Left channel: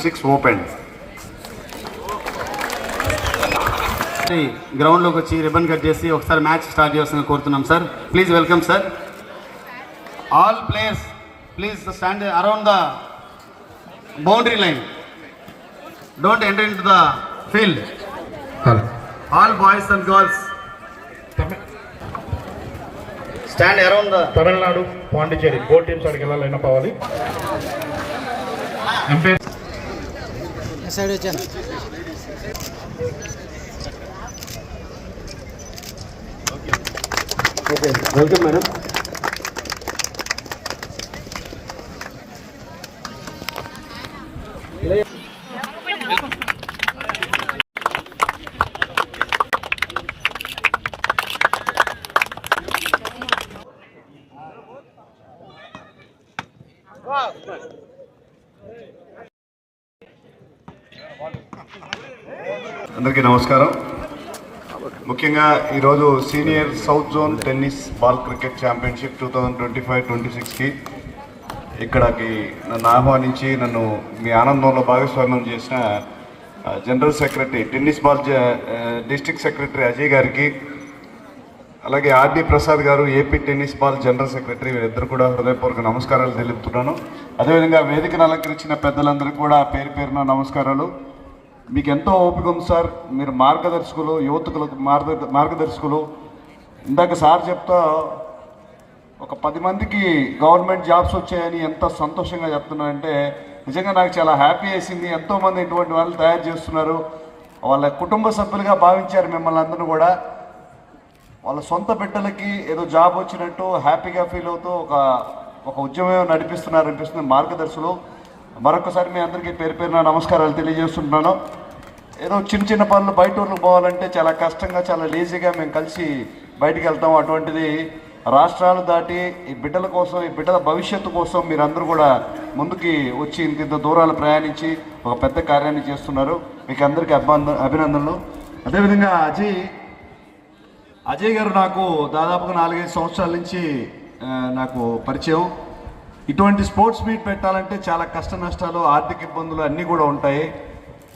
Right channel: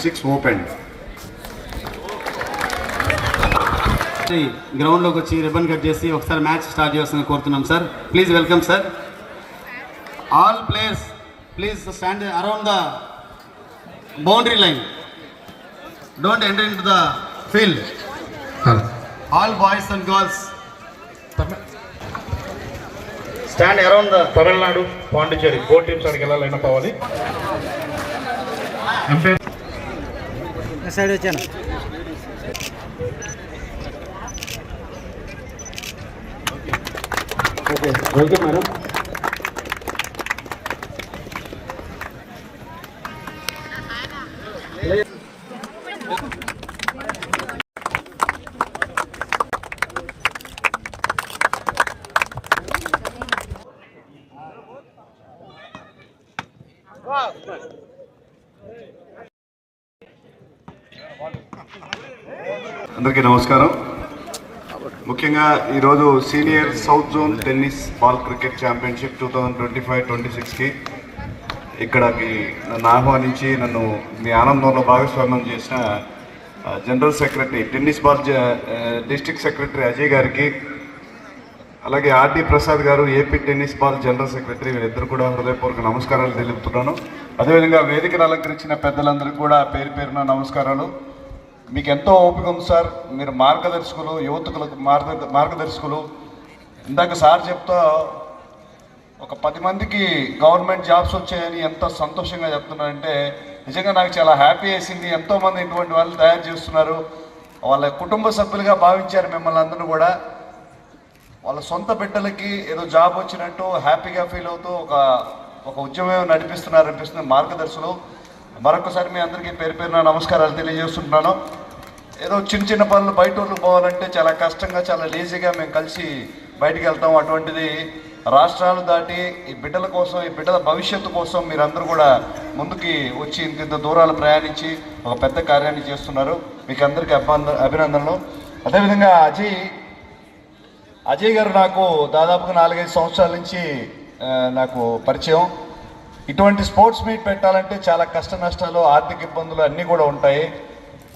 6 open. గ్రౌండ్లోకి వచ్చి ribbon cut చేసి ఒకసారి మ్యాచ్ స్టార్ట్ చేస్తాను కోరుతున్నాం sir. Please welcome sir. All players please stand around the boundary line. Don't enter in to the field. All boys and girls stand around the. Tamil Nadu Pondicherry 4 teams అడిగి వెళ్ళాలైనా పోవాలి. Side వచ్చాను. Okay welcome madam. అందరికీ నమస్కారం. ముఖ్యంగా ఈరోజు senior south zone tennis ball cricket championship 2025-26కి ఇక్కడికి నన్ను ఆహ్వానించి నన్ను మీ ఆనందంలో భాగస్వామ్యం చేసిన general secretary tennis ball district secretary Ajay గారికి, అలాగే ఆర్డి ప్రసాద్ గారు AP tennis ball general secretary, వీరిద్దరు కూడా హృదయపూర్వక నమస్కారాలు తెలుపుతున్నాను. అదేవిధంగా వేదికను అలంకరించిన పెద్దలందరికీ కూడా పేరు పేరున నమస్కారాలు. మీకు ఎంతో ఓపిక ఉంది సార్. మీరు మార్గదర్శకులు, యువతకులకు మార్గదర్శకులు. ఇందాక సార్ చెప్తా ఒక 10 మందికి గవర్నమెంట్ జాబ్స్ వచ్చాయని ఎంత సంతోషంగా చెప్తున్నారంటే నిజంగా నాకు చాలా హ్యాపీ వేసింది. ఎంతోమంది ఇటువంటి వాళ్ళు తయారు చేస్తున్నారు. వాళ్ళ కుటుంబ సభ్యులుగా భావించారు మిమ్మల్ని అందరూ కూడా. వాళ్ళ సొంత బిడ్డలకి ఏదో జాబ్ వచ్చినట్టు హ్యాపీగా ఫీల్ అవుతూ ఒక ఉద్యమం నడిపిస్తున్నారు అనిపిస్తున్న మార్గదర్శులు. మరొకసారి మీ అందరికీ పేరు పేరున నమస్కారాలు తెలియజేస్తుంటున్నాను. ఏదో చిన్న చిన్న పనులు బయట ఊళ్ళకి పోవాలంటే చాలా కష్టంగా, చాలా లేజీగా మేము కలిసి బయటికి వెళ్తాం. అటువంటిది రాష్ట్రాలు దాటి ఈ బిడ్డల కోసం, ఈ బిడ్డల భవిష్యత్తు కోసం మీరందరూ కూడా ముందుకి వచ్చి ఇంత దూరాలు ప్రయాణించి ఒక పెద్ద కార్యాన్ని చేస్తున్నారు. మీకు అందరికీ అభినందనలు. అదేవిధంగా అజయ్ గారు నాకు దాదాపుగా 4-5 సంవత్సరాల నుంచి నాకు పరిచయం. ఇటువంటి స్పోర్ట్స్ మీట్ పెట్టాలంటే చాలా కష్ట నష్టాలు, ఆర్థిక ఇబ్బందులు అన్నీ కూడా ఉంటాయి.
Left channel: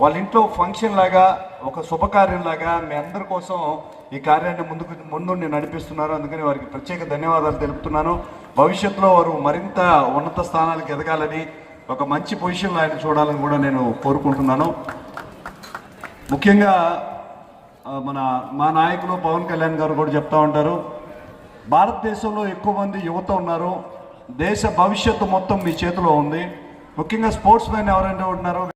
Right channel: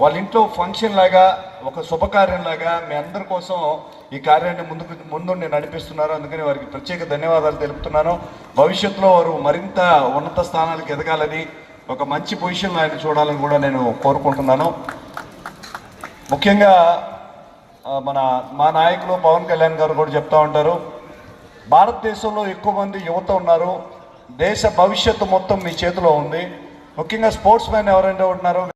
వాళ్ళ ఇంట్లో ఫంక్షన్ లాగా, ఒక శుభకార్యంలాగా మీ అందరి కోసం ఈ కార్యాన్ని ముందుండి నడిపిస్తున్నారు. అందుకని వారికి ప్రత్యేక ధన్యవాదాలు తెలుపుతున్నాను. భవిష్యత్తులో వారు మరింత ఉన్నత స్థానాలకు ఎదగాలని, ఒక మంచి పొజిషన్లో ఆయన చూడాలని కూడా నేను కోరుకుంటున్నాను. ముఖ్యంగా మా నాయకులు పవన్ కళ్యాణ్ గారు కూడా చెప్తా ఉంటారు, భారతదేశంలో ఎక్కువ మంది యువత ఉన్నారు, దేశ భవిష్యత్తు మొత్తం మీ చేతిలో ఉంది. ముఖ్యంగా స్పోర్ట్స్ మ్యాన్ ఎవరైనా ఉన్నారో